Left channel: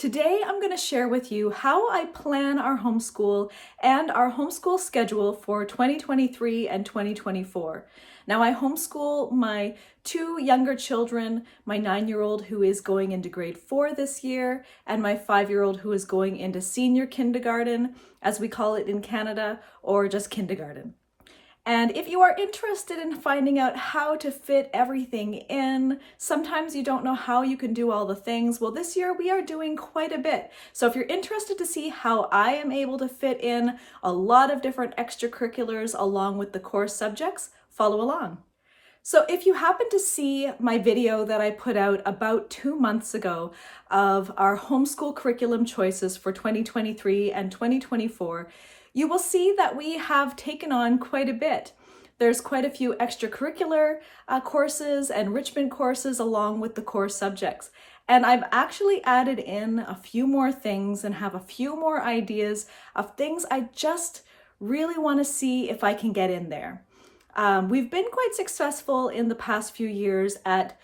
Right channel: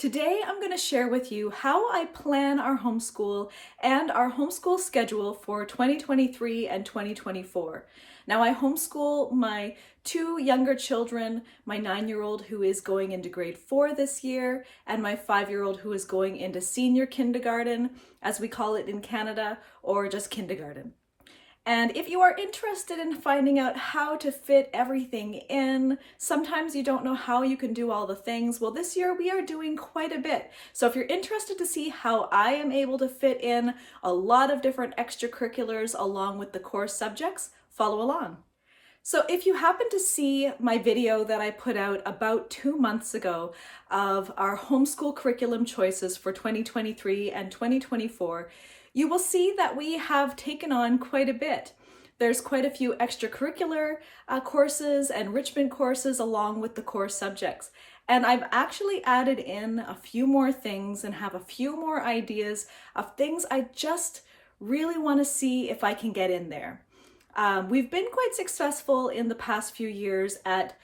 Today, I'm going to share with you how I plan our homeschool and our homeschool schedule for 2023 and 2024. Now, I homeschool my two younger children, my 9-year-old who is going into grade 4 this year, and my 5-year-old who is going into senior kindergarten, as we call it in Canada, or just kindergarten. And if you are interested in finding out how to fit everything in, sometimes you don't know how you can do all the things. Well, this year we are doing quite a bit. So if you're interested to see how I am able to fit in a lot of different extracurriculars along with the core subjects, follow along. So if you happen to see my video that I put out about 2 months ago of our homeschool curriculum choices for 2023 and 2024, you will see that we have taken on quite a bit. There's quite a few extracurricular courses, enrichment courses along with the core subjects. And I've actually added in a few more things and have a few more ideas of things I just really want to see if I can get in there. We've been quite successful in the past few years at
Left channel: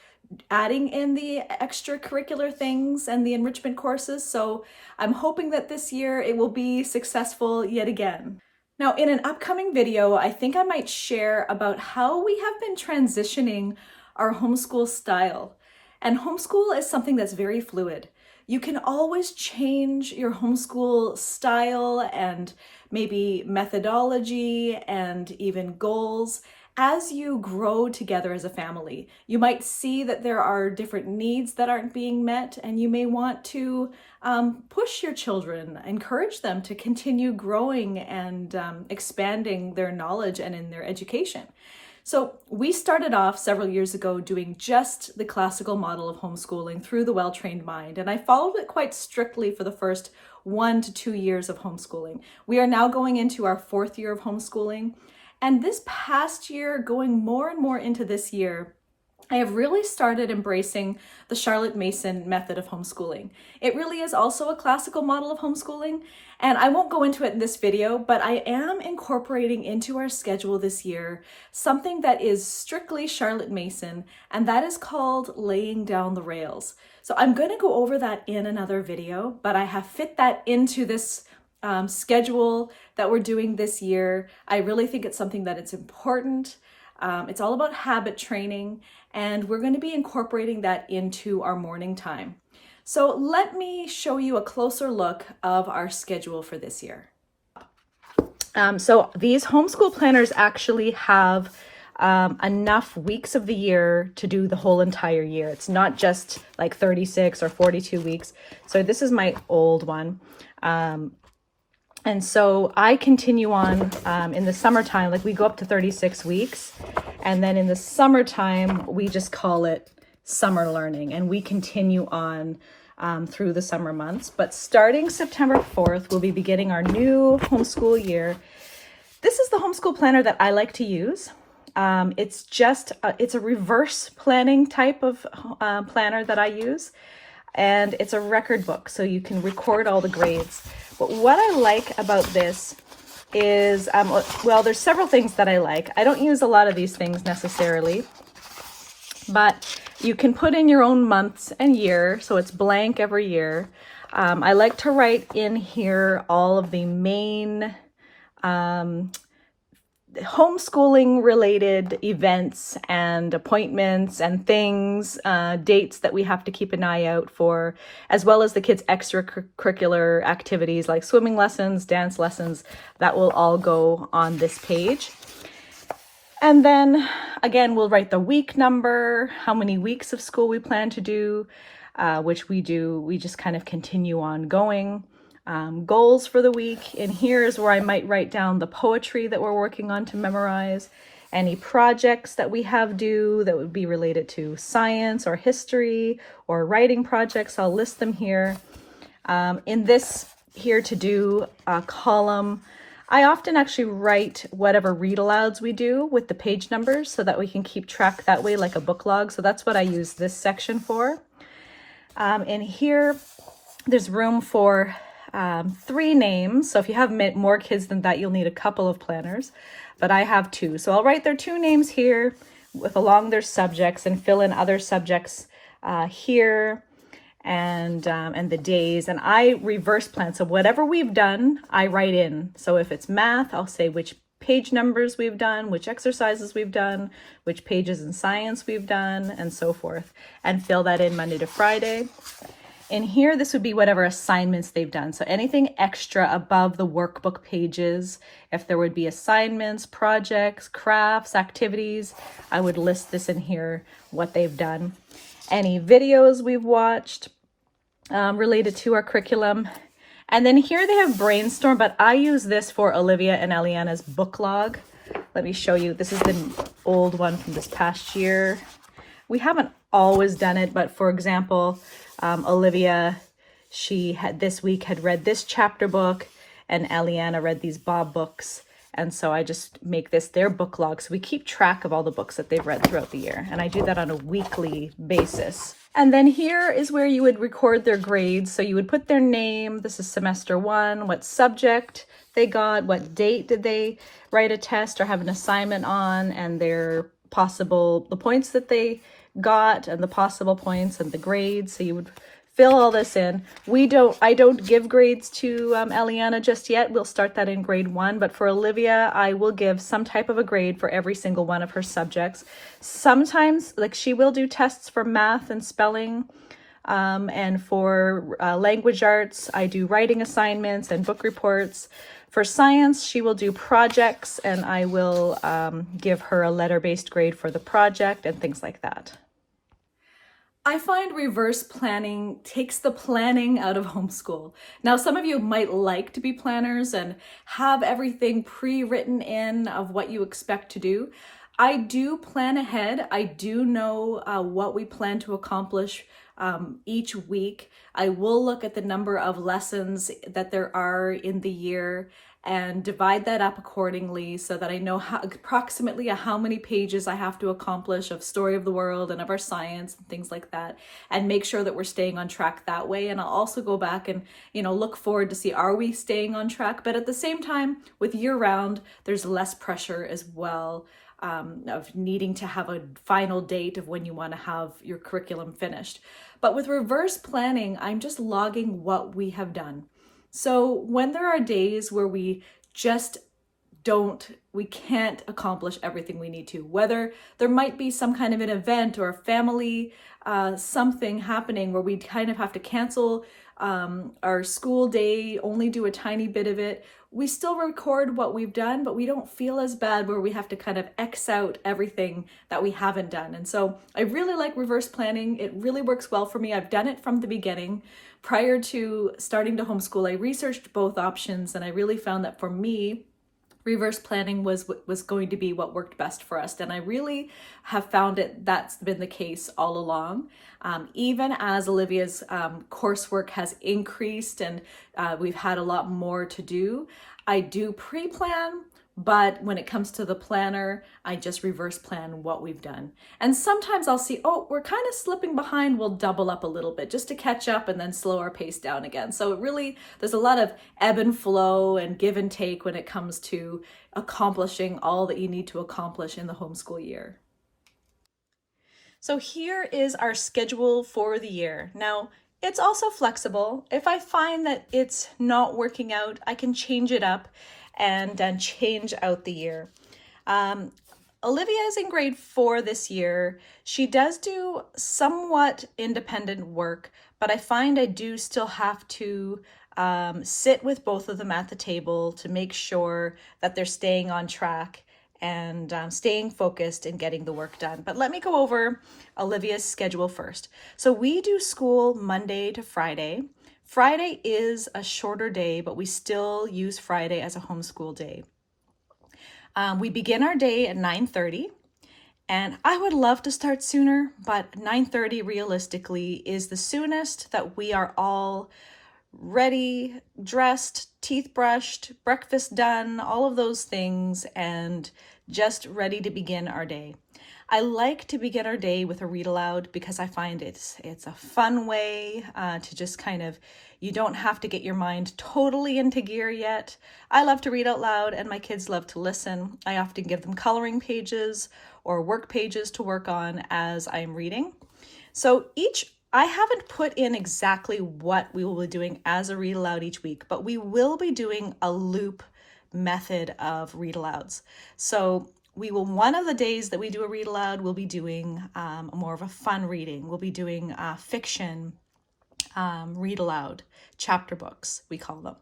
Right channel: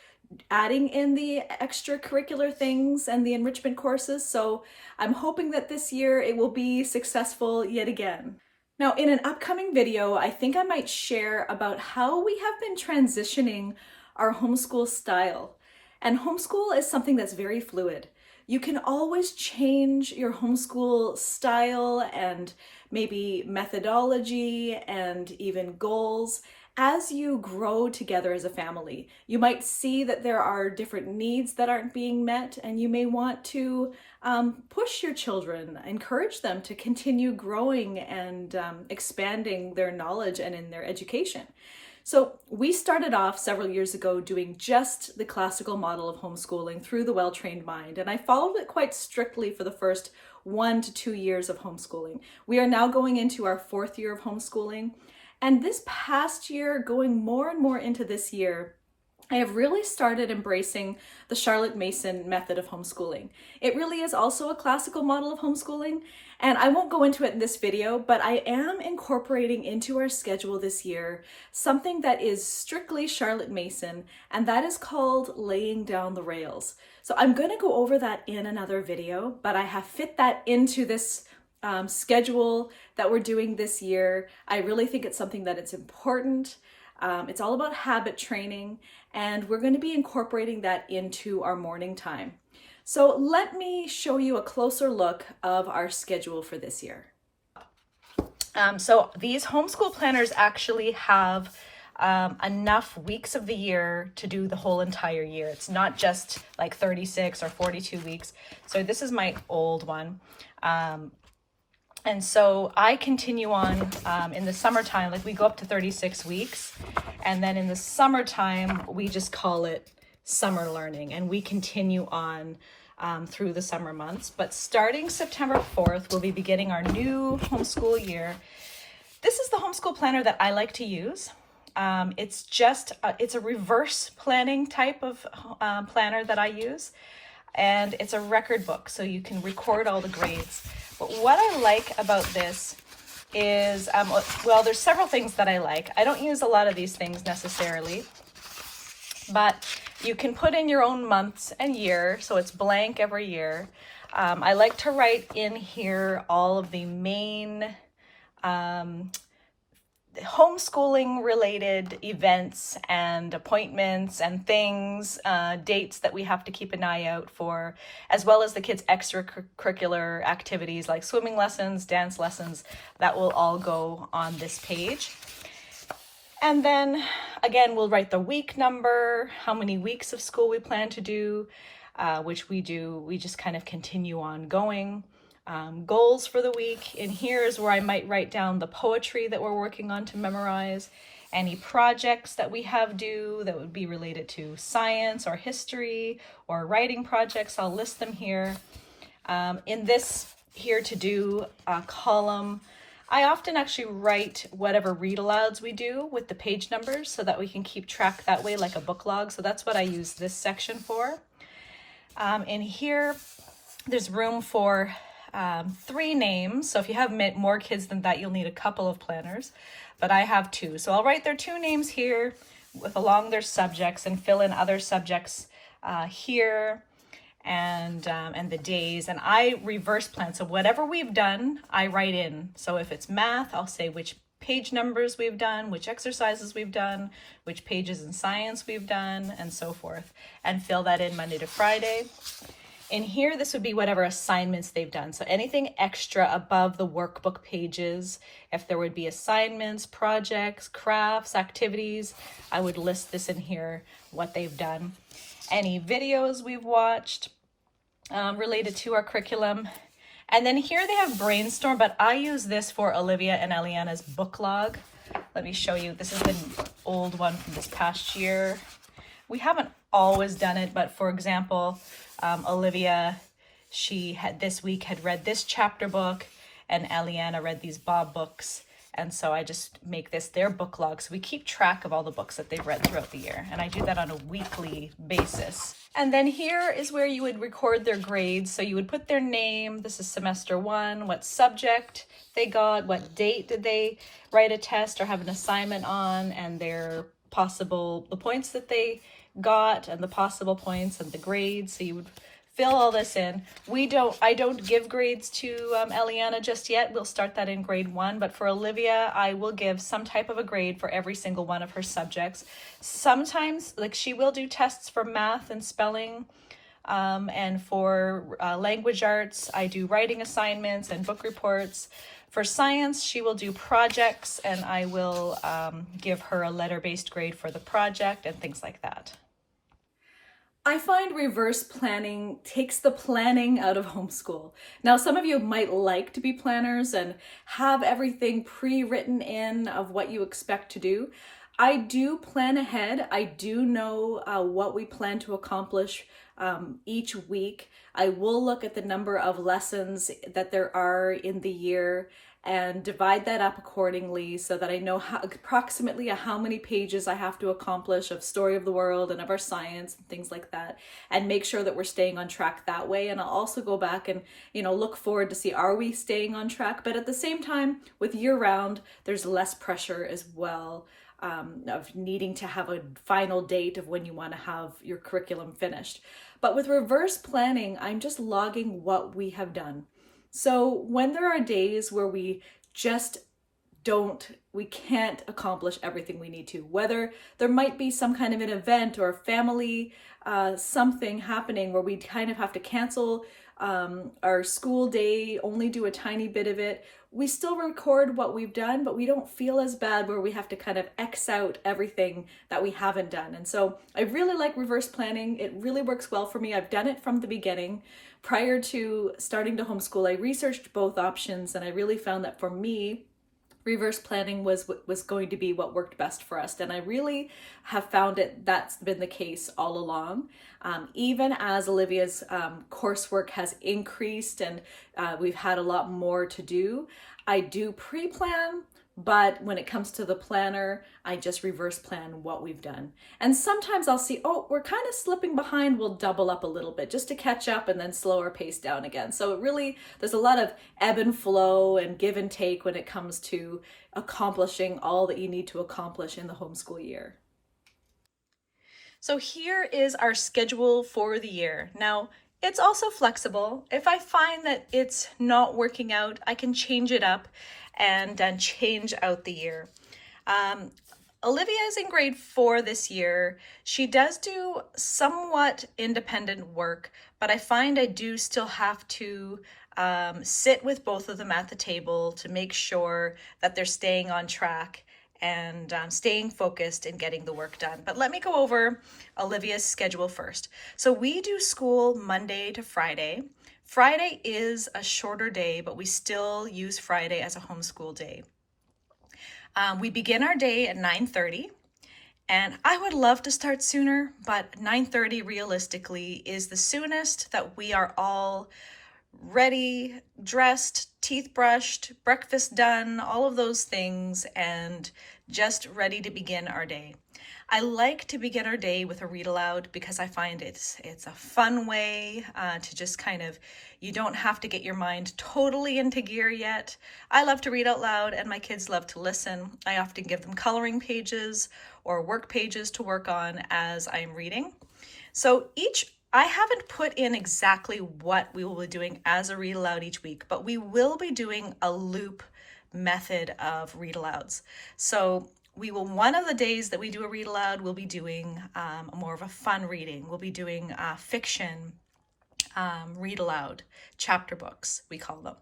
adding in the extracurricular things and the enrichment courses, so I'm hoping that this year it will be successful yet again. Now, in an upcoming video, I think I might share about how we have been transitioning our homeschool style. And homeschool is something that's very fluid. You can always change your homeschool style and maybe methodology and even goals as you grow together as a family. You might see that there are different needs that aren't being met, and you may want to push your children, encourage them to continue growing and expanding their knowledge and in their education. So we started off several years ago doing just the classical model of homeschooling through the Well-Trained Mind, and I followed it quite strictly for the first 1 to 2 years of homeschooling. We are now going into our 4th year of homeschooling. And this past year, going more and more into this year, I have really started embracing the Charlotte Mason method of homeschooling. It really is also a classical model of homeschooling, and I won't go into it in this video, but I am incorporating into our schedule this year something that is strictly Charlotte Mason, and that is called laying down the rails. So I'm going to go over that in another video, but I have fit that into this schedule that we're doing this year. I really think it's something that it's important. It's all about habit training, and we're going to be incorporating that into our morning time. So let me show you a closer look of our schedule for this year. So these homeschool planners actually have enough weeks of the year to do the whole entire year. It's not just like 36 or 42 weeks. So this is my old one. And so I continue on in the summertime, like we go up to 36 weeks. And then in the summertime, we just call it summer learning. And we continue on through the summer months. But starting September 4th, we'll be beginning our new homeschool year. This is the homeschool planner that I like to use. It's a reverse planning type of planner that I use. And it's a record book, so you can record all the grades. But what I like about this is, well, there's several things that I like. I don't use a lot of these things necessarily, but you can put in your own months and year, so it's blank every year. I like to write in here all of the main homeschooling related events and appointments and things, dates that we have to keep an eye out for, as well as the kids' extracurricular activities like swimming lessons, dance lessons, that will all go on this page. And then again, we'll write the week number, how many weeks of school we plan to do, which we do. We just kind of continue on going. Goals for the week, and here is where I might write down the poetry that we're working on to memorize, any projects that we have due that would be related to science or history or writing projects. I'll list them here. In this here to do column, I often actually write whatever read alouds we do with the page numbers so that we can keep track that way like a book log. So that's what I use this section for. In here, there's room for 3 names. So if you have more kids than that, you'll need a couple of planners, but I have 2. So I'll write their 2 names here along their subjects and fill in other subjects here. and the days, and I reverse plan. So whatever we've done, I write in. So if it's math, I'll say which page numbers we've done, which exercises we've done, which pages in science we've done, and so forth, and fill that in Monday to Friday. In here, this would be whatever assignments they've done. So anything extra above the workbook pages, if there would be assignments, projects, crafts, activities, I would list this in here, what they've done. Any videos we've watched related to our curriculum. And then here they have brainstorm, but I use this for Olivia and Eliana's book log. Let me show you. This is the old one from this past year. We haven't always done it, but for example, Olivia, she had this week had read this chapter book, and Eliana read these Bob books. And so I just make this their book log. So we keep track of all the books that they've read throughout the year. And I do that on a weekly basis. And then here is where you would record their grades. So you would put their name, this is semester 1, what subject they got, what date did they write a test or have an assignment on, and their possible, the points that they got and the possible points and the grades. So you would fill all this in. I don't give grades to Eliana just yet. We'll start that in grade 1, but for Olivia, I will give some type of a grade for every single one of her subjects. Sometimes, like, she will do tests for math and spelling, and for language arts, I do writing assignments and book reports. For science, she will do projects, and I will give her a letter-based grade for the project and things like that. I find reverse planning takes the planning out of homeschool. Now, some of you might like to be planners and have everything pre-written in of what you expect to do. I do plan ahead. I do know what we plan to accomplish each week. I will look at the number of lessons that there are in the year and divide that up accordingly so that I know approximately how many pages I have to accomplish of Story of the World and of our science and things like that, and make sure that we're staying on track that way. And I'll also go back and, look forward to see, are we staying on track? But at the same time, with year round, there's less pressure as well of needing to have a final date of when you want to have your curriculum finished. But with reverse planning, I'm just logging what we have done. So when there are days where we just can't accomplish everything we need to, whether there might be some kind of an event or a family, something happening where we kind of have to cancel our school day, only do a tiny bit of it, we still record what we've done, but we don't feel as bad where we have to kind of X out everything that we haven't done. And so I really like reverse planning. It really works well for me. I've done it from the beginning. Prior to starting to homeschool, I researched both options, and I really found that for me, reverse planning was going to be what worked best for us. And I really have found that's been the case all along. Even as Olivia's coursework has increased and we've had a lot more to do, I do pre-plan, but when it comes to the planner, I just reverse plan what we've done. And sometimes I'll see, oh, we're kind of slipping behind, we'll double up a little bit just to catch up and then slow our pace down again. So it really, there's a lot of ebb and flow and give and take when it comes to accomplishing all that you need to accomplish in the homeschool year. So here is our schedule for the year. Now, it's also flexible. If I find that it's not working out, I can change it up and then change out the year. Olivia is in grade 4 this year. She does do somewhat independent work, but I find I do still have to sit with both of them at the table to make sure that they're staying on track and staying focused and getting the work done. But let me go over Olivia's schedule first. So we do school Monday to Friday. Friday is a shorter day, but we still use Friday as a homeschool day. We begin our day at 9:30, and I would love to start sooner, but 9:30 realistically is the soonest that we are all ready, dressed, teeth brushed, breakfast done, all of those things, and just ready to begin our day. I like to begin our day with a read aloud because I find it's a fun way to just kind of, you don't have to get your mind totally into gear yet. I love to read out loud and my kids love to listen. I often give them coloring pages or work pages to work on as I'm reading. So each I haven't put in exactly what we will be doing as a read aloud each week, but we will be doing a loop method of read alouds. So one of the days that we do a read aloud, we'll be doing more of a fun reading. We'll be doing fiction read aloud, chapter books, we call them.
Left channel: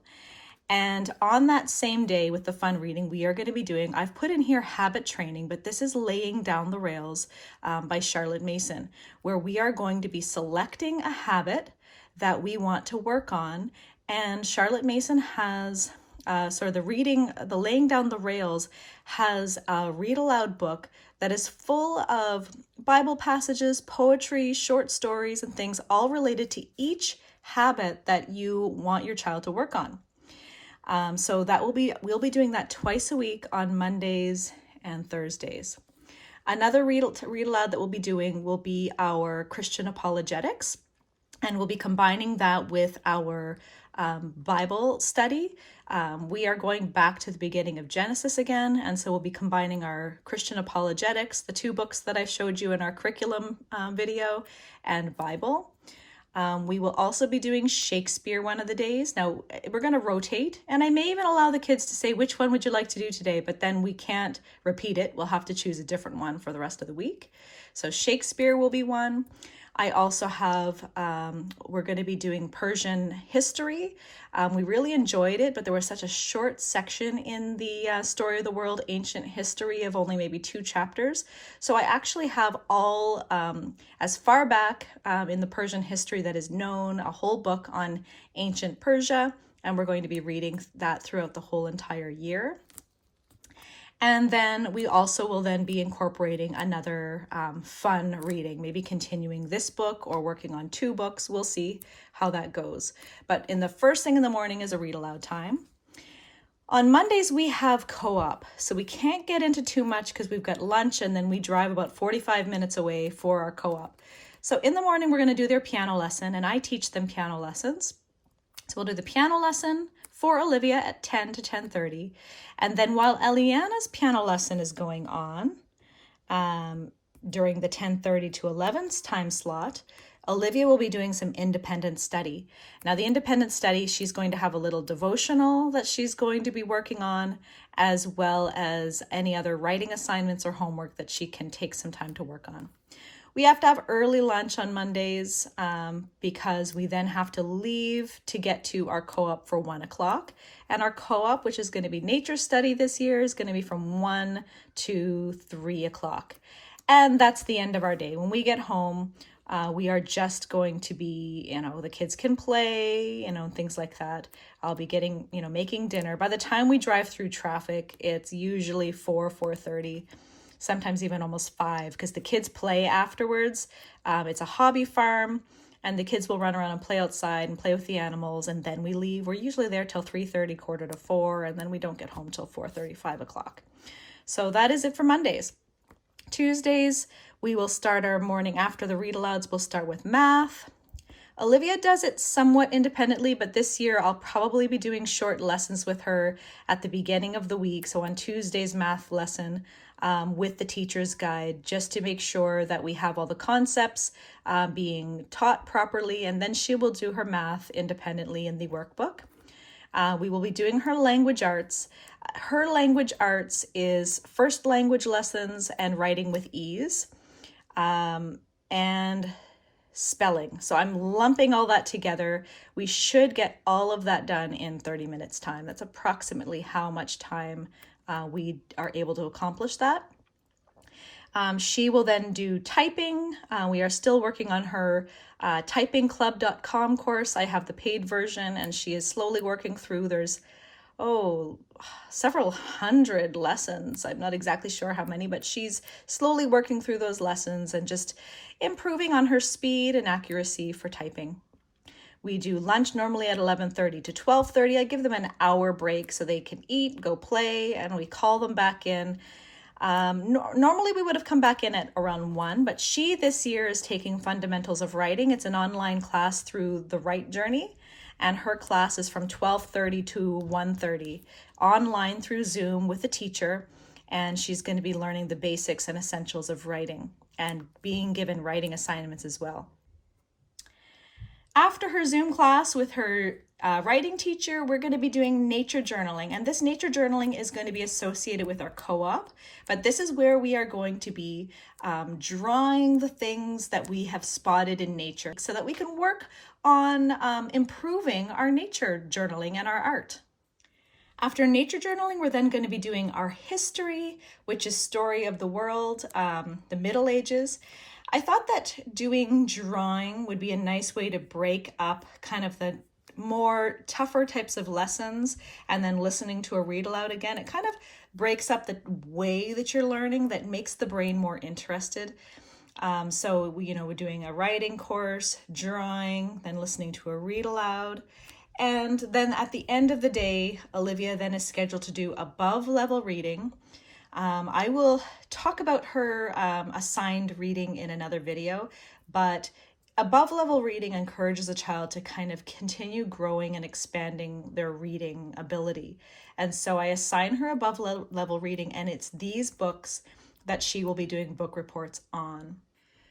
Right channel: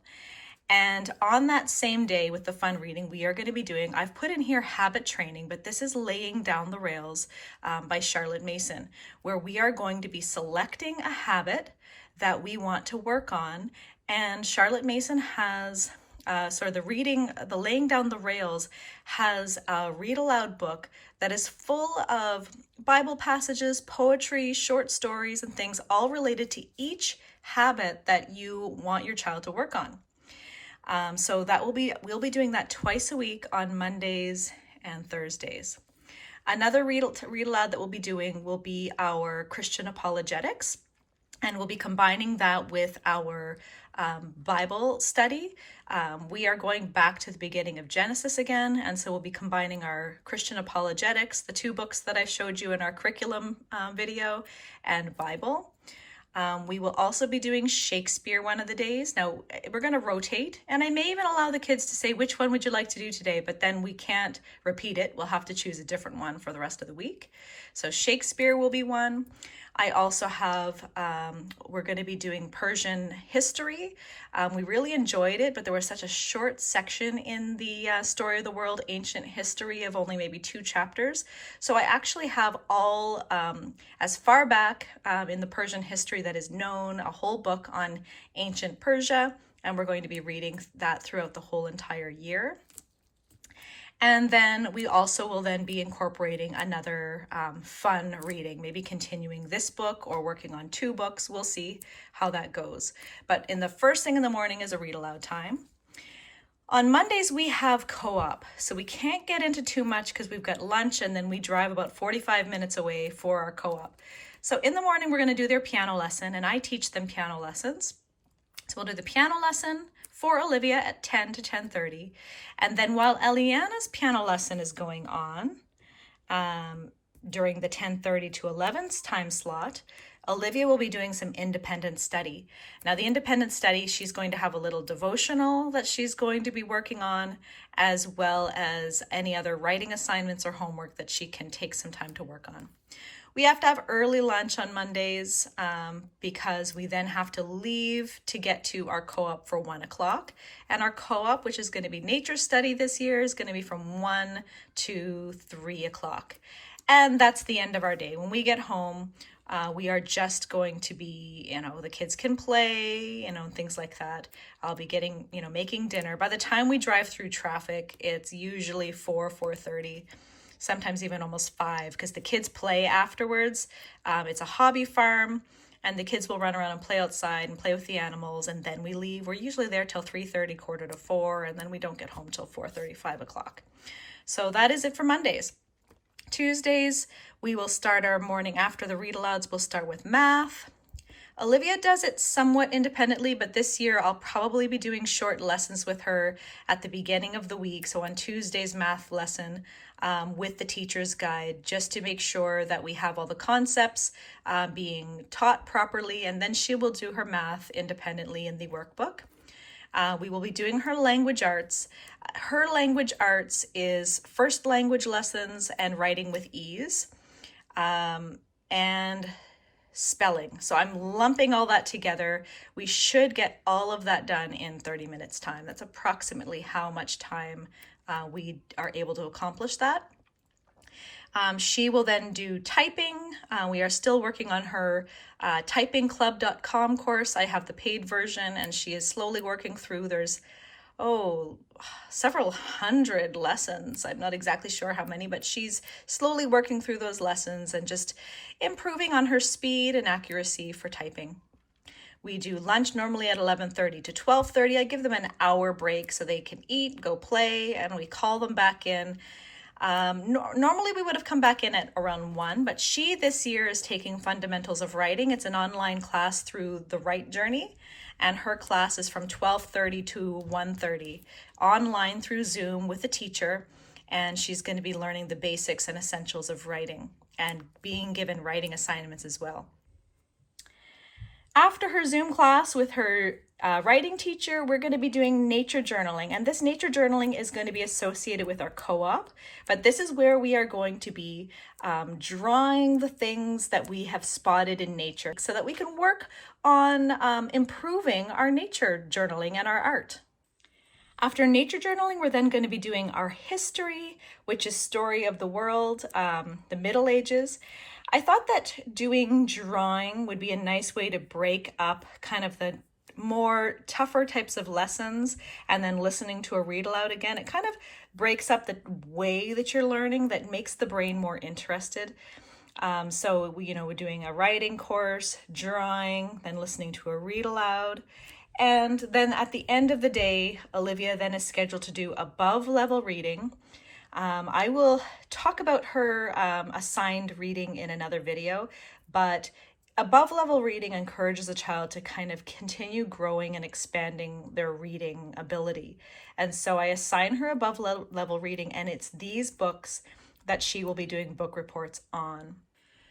And on that same day with the fun reading, we are going to be doing, I've put in here habit training, but this is laying down the rails by Charlotte Mason, where we are going to be selecting a habit that we want to work on. And Charlotte Mason has the laying down the rails has a read aloud book that is full of Bible passages, poetry, short stories, and things all related to each habit that you want your child to work on. So we'll be doing that twice a week on Mondays and Thursdays. Another read aloud that we'll be doing will be our Christian apologetics, and we'll be combining that with our Bible study. We are going back to the beginning of Genesis again, and so we'll be combining our Christian apologetics, the two books that I showed you in our curriculum video, and Bible. We will also be doing Shakespeare one of the days. Now, we're going to rotate, and I may even allow the kids to say, which one would you like to do today? But then we can't repeat it. We'll have to choose a different one for the rest of the week. So Shakespeare will be one. I also have, we're going to be doing Persian history. We really enjoyed it, but there was such a short section in the Story of the World Ancient History of only maybe 2 chapters. So I actually have all, as far back in the Persian history that is known, a whole book on ancient Persia, and we're going to be reading that throughout the whole entire year. And then we also will then be incorporating another fun reading, maybe continuing this book or working on 2 books. We'll see how that goes. But in the first thing in the morning is a read aloud time. On Mondays, we have co-op. So we can't get into too much because we've got lunch and then we drive about 45 minutes away for our co-op. So in the morning, we're going to do their piano lesson, and I teach them piano lessons. So we'll do the piano lesson for Olivia at 10 to 10:30. And then while Eliana's piano lesson is going on during the 10:30 to 11 time slot, Olivia will be doing some independent study. Now, the independent study, she's going to have a little devotional that she's going to be working on, as well as any other writing assignments or homework that she can take some time to work on. We have to have early lunch on Mondays because we then have to leave to get to our co-op for 1 o'clock. And our co-op, which is going to be nature study this year, is going to be from 1 to 3 o'clock. And that's the end of our day. When we get home, we are just going to be, the kids can play, things like that. I'll be getting, making dinner. By the time we drive through traffic, it's usually 4:30. Sometimes even almost 5, because the kids play afterwards. It's a hobby farm, and the kids will run around and play outside and play with the animals, and then we leave. We're usually there till 3:30, 3:45, and then we don't get home till 4:30, 5 o'clock. So that is it for Mondays. Tuesdays, we will start our morning after the read alouds. We'll start with math. Olivia does it somewhat independently, but this year I'll probably be doing short lessons with her at the beginning of the week. So on Tuesday's math lesson, with the teacher's guide, just to make sure that we have all the concepts being taught properly, and then she will do her math independently in the workbook. We will be doing her language arts. Her language arts is first language lessons and writing with ease, and spelling. So I'm lumping all that together. We should get all of that done in 30 minutes time. That's approximately how much time we are able to accomplish that. She will then do typing. We are still working on her typingclub.com course. I have the paid version, and she is slowly working through. There's several hundred lessons. I'm not exactly sure how many, but she's slowly working through those lessons and just improving on her speed and accuracy for typing. We do lunch normally at 11:30 to 12:30. I give them an hour break so they can eat, go play, and we call them back in. Normally we would have come back in at around 1, but she this year is taking Fundamentals of Writing. It's an online class through the Write Journey, and her class is from 12:30 to 1:30, online through Zoom with a teacher, and she's going to be learning the basics and essentials of writing and being given writing assignments as well. After her Zoom class with her writing teacher, we're going to be doing nature journaling. And this nature journaling is going to be associated with our co-op. But this is where we are going to be drawing the things that we have spotted in nature so that we can work on improving our nature journaling and our art. After nature journaling, we're then going to be doing our history, which is story of the world, the Middle Ages. I thought that doing drawing would be a nice way to break up kind of the more tougher types of lessons, and then listening to a read aloud again. It kind of breaks up the way that you're learning, that makes the brain more interested. So we're doing a writing course, drawing, then listening to a read aloud. And then at the end of the day, Olivia then is scheduled to do above level reading. I will talk about her assigned reading in another video, but above level reading encourages a child to kind of continue growing and expanding their reading ability. And so I assign her above level reading, and it's these books that she will be doing book reports on.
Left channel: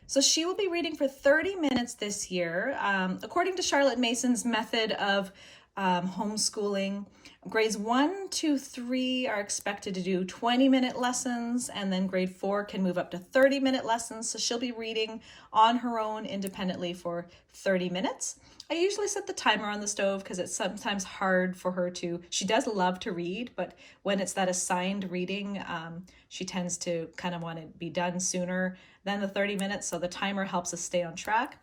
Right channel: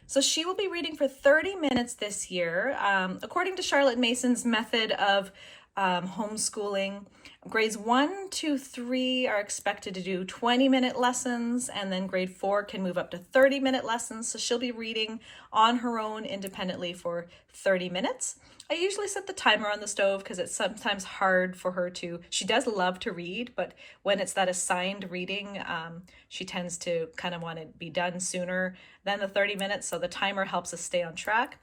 So she will be reading for 30 minutes this year. According to Charlotte Mason's method of homeschooling, grades 1, 2, 3 are expected to do 20-minute lessons, and then grade 4 can move up to 30-minute lessons. So she'll be reading on her own independently for 30 minutes. I usually set the timer on the stove because it's sometimes hard for her to, she does love to read, but when it's that assigned reading, she tends to kind of want to be done sooner than the 30 minutes. So the timer helps us stay on track.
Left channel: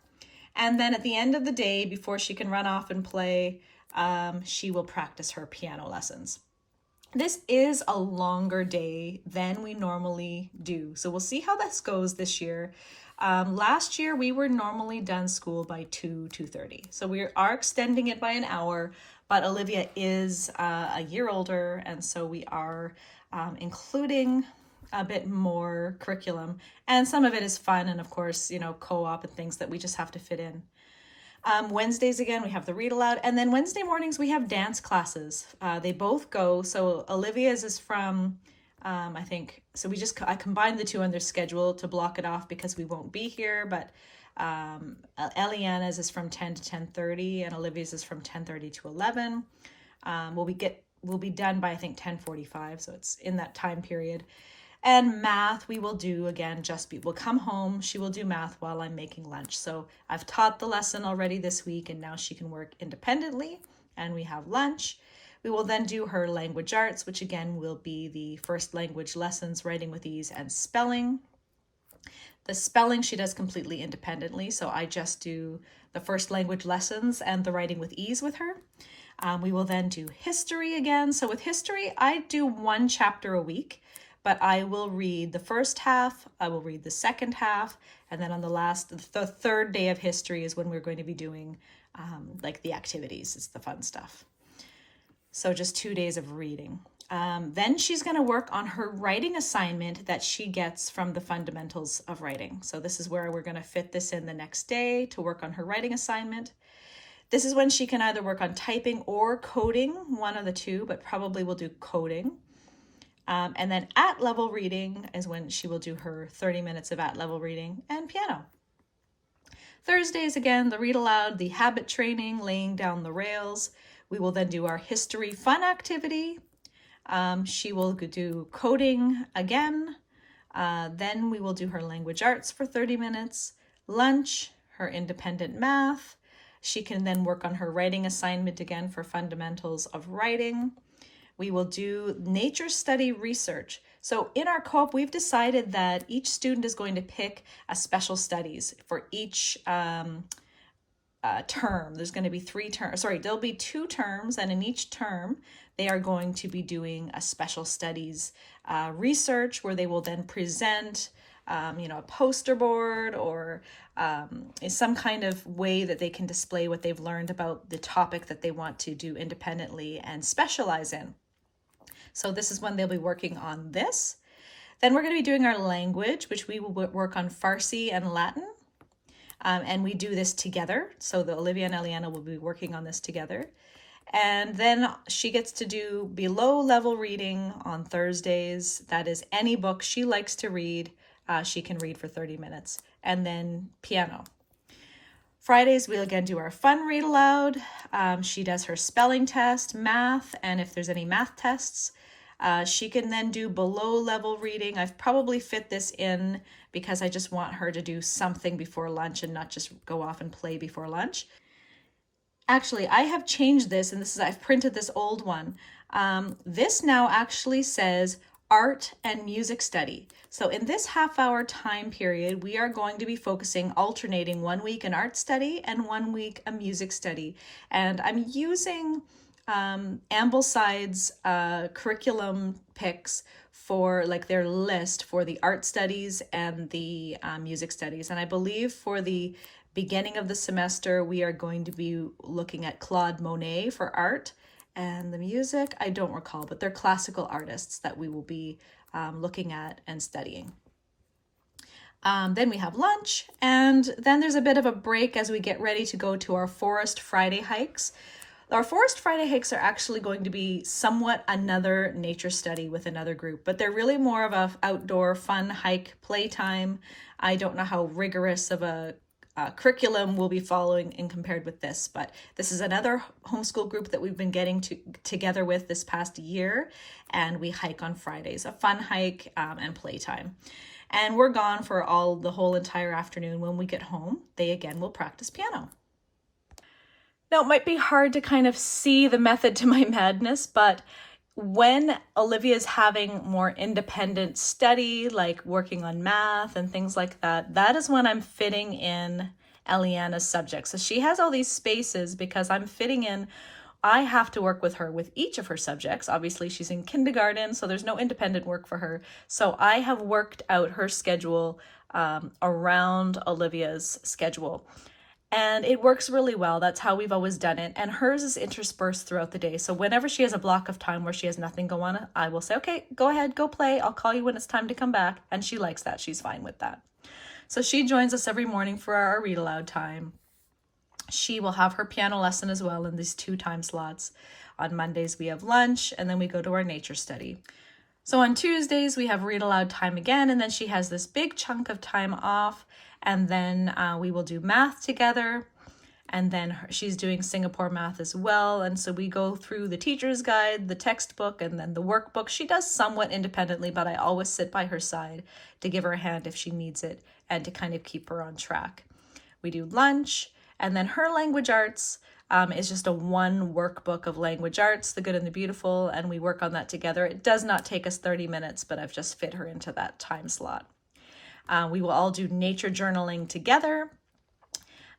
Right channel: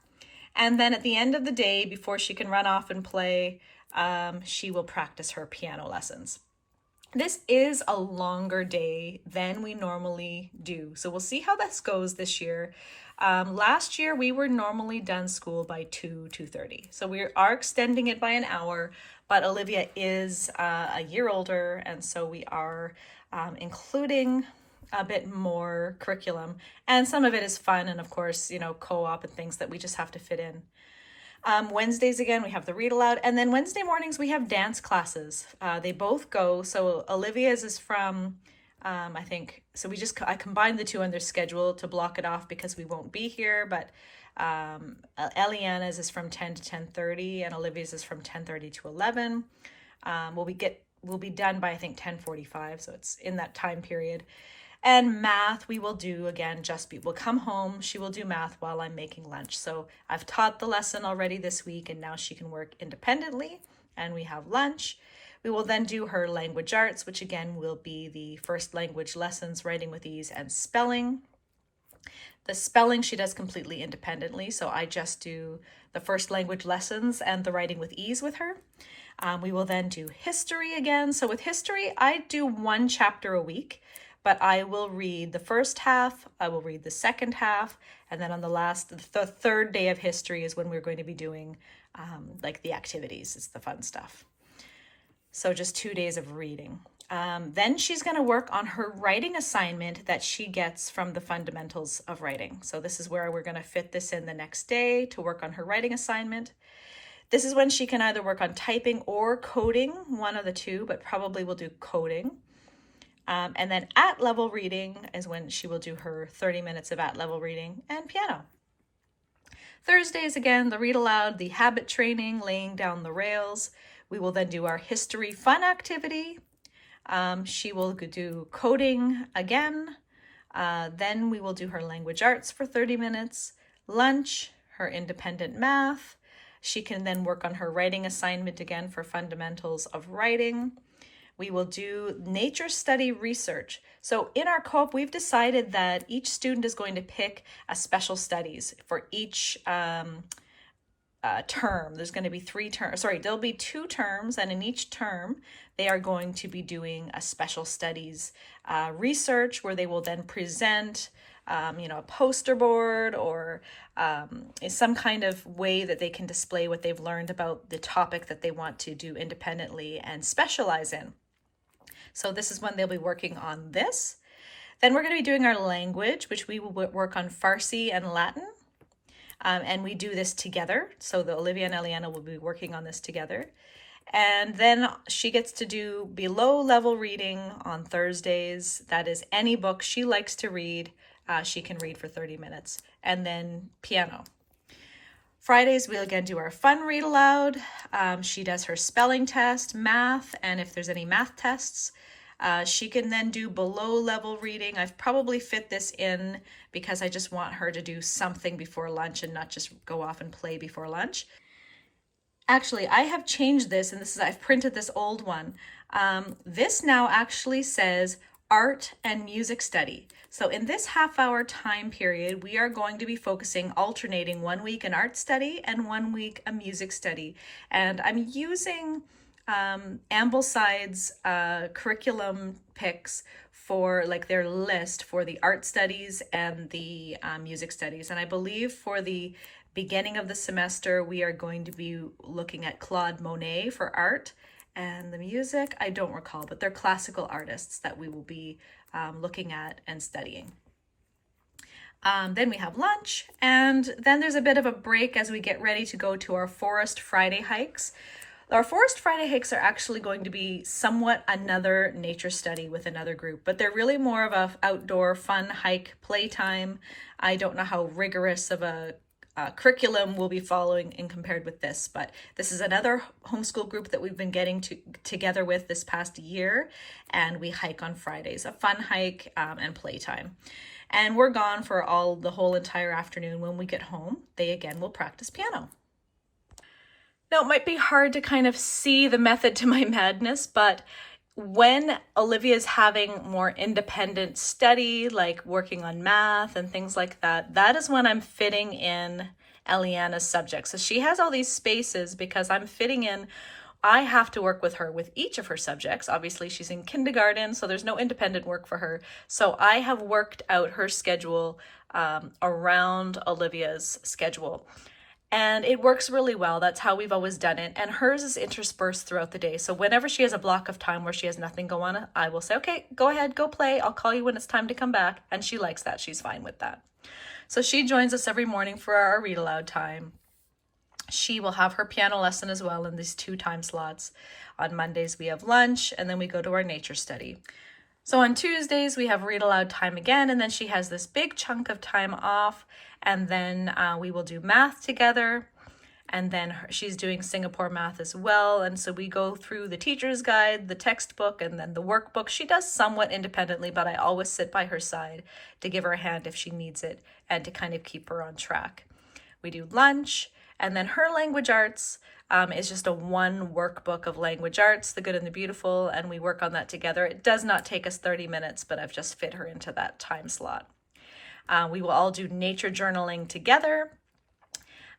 And then at the end of the day, before she can run off and play, she will practice her piano lessons. This is a longer day than we normally do. So we'll see how this goes this year. Last year, we were normally done school by 2:30. So we are extending it by an hour, but Olivia is a year older, and so we are including a bit more curriculum. And some of it is fun and, of course, co-op and things that we just have to fit in. Wednesdays, again, we have the read aloud. And then Wednesday mornings, we have dance classes. They both go. So Olivia's is from, I think, so I combined the two on their schedule to block it off because we won't be here. But Eliana's is from 10 to 10:30 and Olivia's is from 10:30 to 11. We'll be done by, I think, 10:45. So it's in that time period. And math, we will do, again, we'll come home, she will do math while I'm making lunch. So I've taught the lesson already this week, and now she can work independently, and we have lunch. We will then do her language arts, which again will be the first language lessons, writing with ease and spelling. The spelling she does completely independently, so I just do the first language lessons and the writing with ease with her. We will then do history again. So with history, I do one chapter a week. But I will read the first half, I will read the second half, and then on the third day of history is when we're going to be doing like the activities. It's the fun stuff. So just 2 days of reading. Then she's going to work on her writing assignment that she gets from the fundamentals of writing. So this is where we're going to fit this in the next day to work on her writing assignment. This is when she can either work on typing or coding, one of the two, but probably will do coding. And then at-level reading is when she will do her 30 minutes of at-level reading and piano. Thursdays, again, the read aloud, the habit training, laying down the rails. We will then do our history fun activity. She will do coding again. Then we will do her language arts for 30 minutes, lunch, her independent math. She can then work on her writing assignment again for fundamentals of writing. We will do nature study research. So in our co-op, we've decided that each student is going to pick a special studies for each term. There's going to be there'll be 2 terms, and in each term, they are going to be doing a special studies research where they will then present a poster board or some kind of way that they can display what they've learned about the topic that they want to do independently and specialize in. So this is when they'll be working on this. Then we're going to be doing our language, which we will work on Farsi and Latin. And we do this together. So Olivia and Eliana will be working on this together. And then she gets to do below level reading on Thursdays. That is any book she likes to read. She can read for 30 minutes. And then piano. Fridays, we'll again do our fun read aloud. She does her spelling test, math, and if there's any math tests, she can then do below level reading. I've probably fit this in because I just want her to do something before lunch and not just go off and play before lunch. Actually, I have changed this, and I've printed this old one. This now actually says art and music study. So in this half-hour time period, we are going to be focusing, alternating 1 week an art study and 1 week a music study. And I'm using Ambleside's curriculum picks for like their list for the art studies and the music studies. And I believe for the beginning of the semester, we are going to be looking at Claude Monet for art, and the music, I don't recall, but they're classical artists that we will be looking at and studying. Then we have lunch, and then there's a bit of a break as we get ready to go to our Forest Friday hikes. Our Forest Friday hikes are actually going to be somewhat another nature study with another group, but they're really more of a outdoor fun hike playtime. I don't know how rigorous of a curriculum we'll be following in compared with this, but this is another homeschool group that we've been getting together with this past year, and we hike on Fridays, a fun hike and playtime. And we're gone for the whole entire afternoon. When we get home, they again will practice piano. Now, it might be hard to kind of see the method to my madness, but when Olivia is having more independent study, like working on math and things like that, that is when I'm fitting in Eliana's subjects. So she has all these spaces because I'm fitting in, I have to work with her with each of her subjects. Obviously, she's in kindergarten, so there's no independent work for her. So I have worked out her schedule around Olivia's schedule. And it works really well. That's how we've always done it. And hers is interspersed throughout the day. So whenever she has a block of time where she has nothing going on, I will say, okay, go ahead, go play. I'll call you when it's time to come back. And she likes that. She's fine with that. So she joins us every morning for our read aloud time. She will have her piano lesson as well in these 2 time slots. On Mondays, we have lunch, and then we go to our nature study. So on Tuesdays, we have read aloud time again, and then she has this big chunk of time off. And then we will do math together, and then she's doing Singapore math as well. And so we go through the teacher's guide, the textbook, and then the workbook. She does somewhat independently, but I always sit by her side to give her a hand if she needs it and to kind of keep her on track. We do lunch, and then her language arts is just a 1 workbook of language arts, the good and the beautiful, and we work on that together. It does not take us 30 minutes, but I've just fit her into that time slot. We will all do nature journaling together.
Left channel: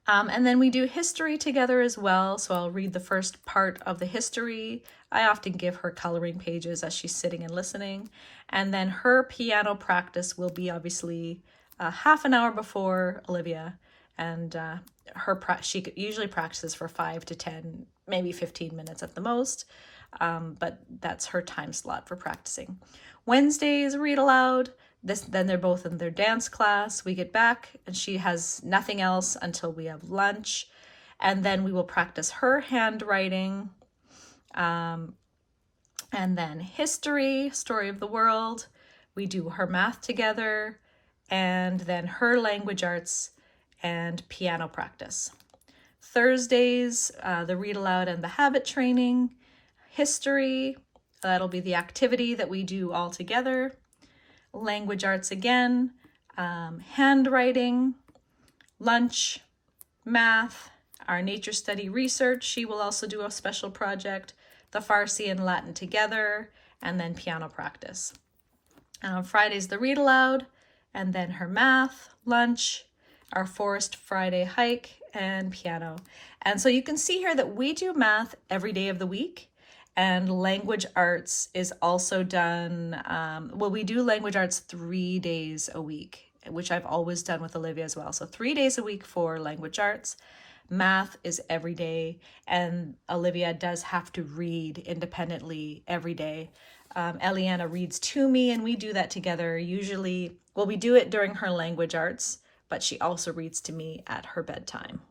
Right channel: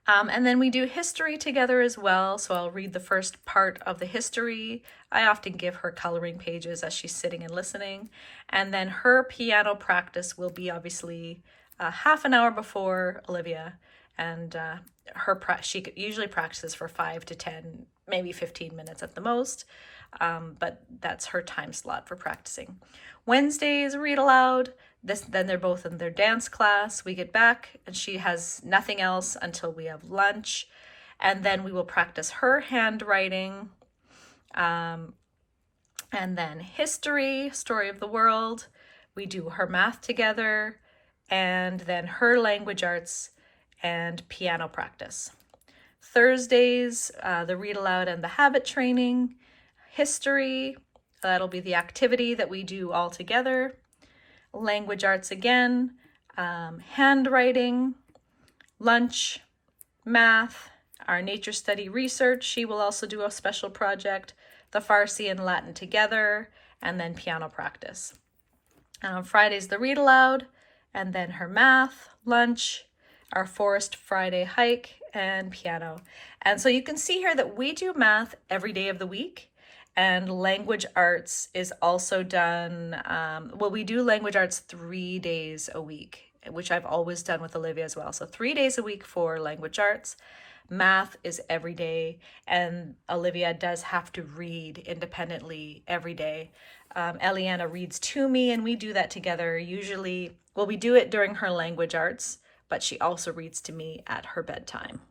And then we do history together as well. So I'll read the first part of the history. I often give her coloring pages as she's sitting and listening. And then her piano practice will be obviously half an hour before Olivia. And she usually practices for 5 to 10, maybe 15 minutes at the most. But that's her time slot for practicing. Wednesdays, read aloud. Then they're both in their dance class. We get back and she has nothing else until we have lunch. And then we will practice her handwriting. And then history, story of the world. We do her math together. And then her language arts and piano practice. Thursdays, the read aloud and the habit training. History, that'll be the activity that we do all together. Language arts again, handwriting, lunch, math, our nature study research. She will also do a special project, the Farsi and Latin together, and then piano practice. Friday's the read aloud, and then her math, lunch, our Forest Friday hike, and piano. And so you can see here that we do math every day of the week. And language arts is also done, we do language arts 3 days a week, which I've always done with Olivia as well. So 3 days a week for language arts. Math is every day, and Olivia does have to read independently every day. Eliana reads to me, and we do that together. Usually, we do it during her language arts, but she also reads to me at her bedtime.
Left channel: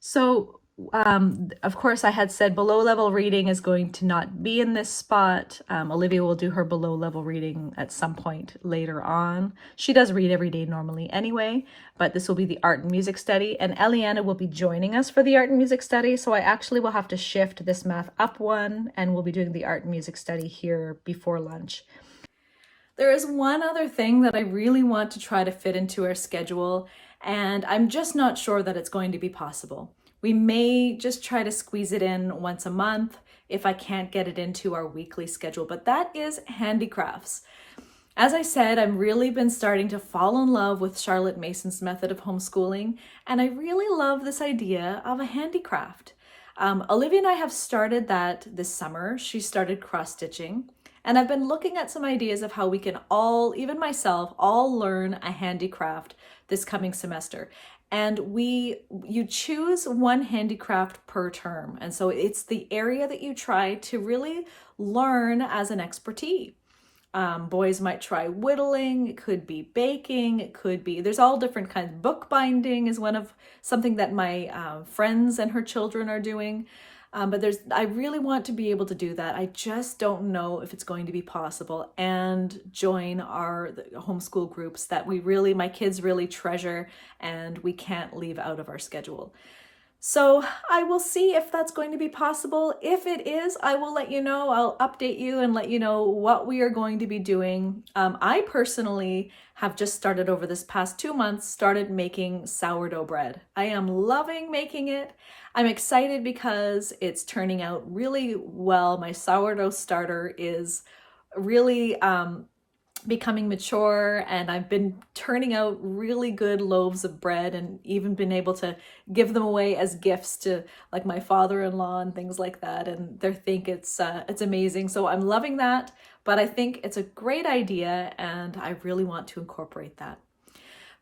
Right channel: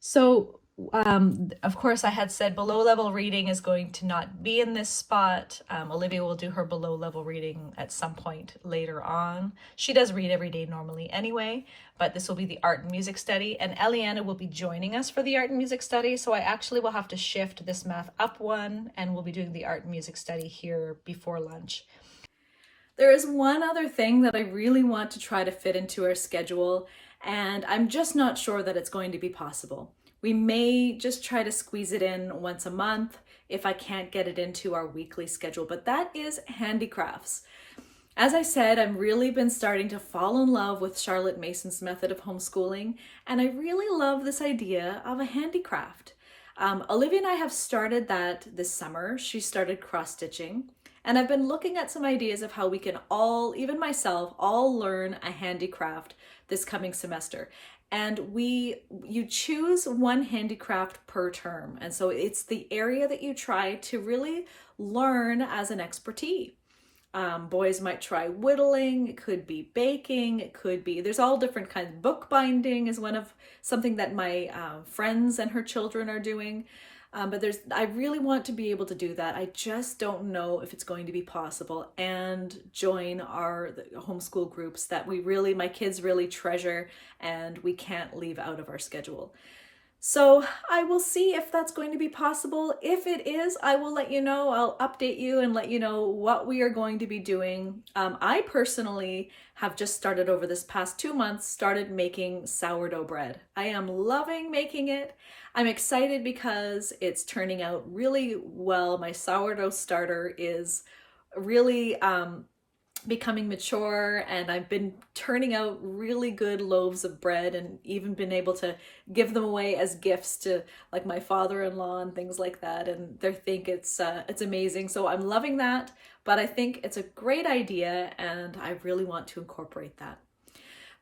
So Of course, I had said below level reading is going to not be in this spot. Olivia will do her below level reading at some point later on. She does read every day normally anyway, but this will be the art and music study, and Eliana will be joining us for the art and music study. So I actually will have to shift this math up one, and we'll be doing the art and music study here before lunch. There is one other thing that I really want to try to fit into our schedule, and I'm just not sure that it's going to be possible. We may just try to squeeze it in once a month if I can't get it into our weekly schedule, but that is handicrafts. As I said, I've really been starting to fall in love with Charlotte Mason's method of homeschooling, and I really love this idea of a handicraft. Olivia and I have started that this summer. She started cross-stitching, and I've been looking at some ideas of how we can all, even myself, all learn a handicraft this coming semester. And you choose one handicraft per term. And so it's the area that you try to really learn as an expertise. Boys might try whittling, it could be baking, it could be, there's all different kinds. Bookbinding is one of something that my friends and her children are doing. But I really want to be able to do that. I just don't know if it's going to be possible, and join the homeschool groups that my kids really treasure and we can't leave out of our schedule. So I will see if that's going to be possible. If it is, I will let you know. I'll update you and let you know what we are going to be doing. I personally have just started over this past 2 months, started making sourdough bread. I am loving making it. I'm excited because it's turning out really well. My sourdough starter is really becoming mature, and I've been turning out really good loaves of bread and even been able to give them away as gifts to like my father-in-law and things like that, and they think it's amazing. So I'm loving that, but I think it's a great idea and I really want to incorporate that.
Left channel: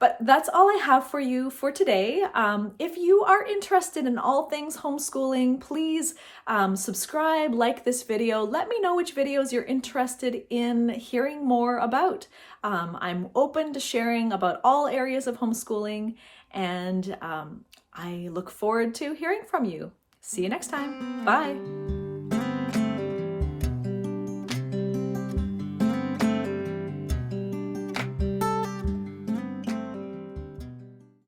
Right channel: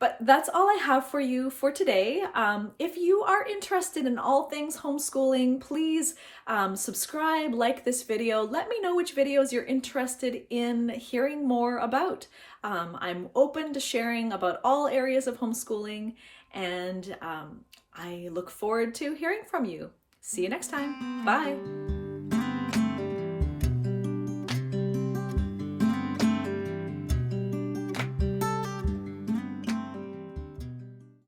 But that's all I have for you for today. If you are interested in all things homeschooling, please subscribe, like this video. Let me know which videos you're interested in hearing more about. I'm open to sharing about all areas of homeschooling, and I look forward to hearing from you. See you next time. Bye.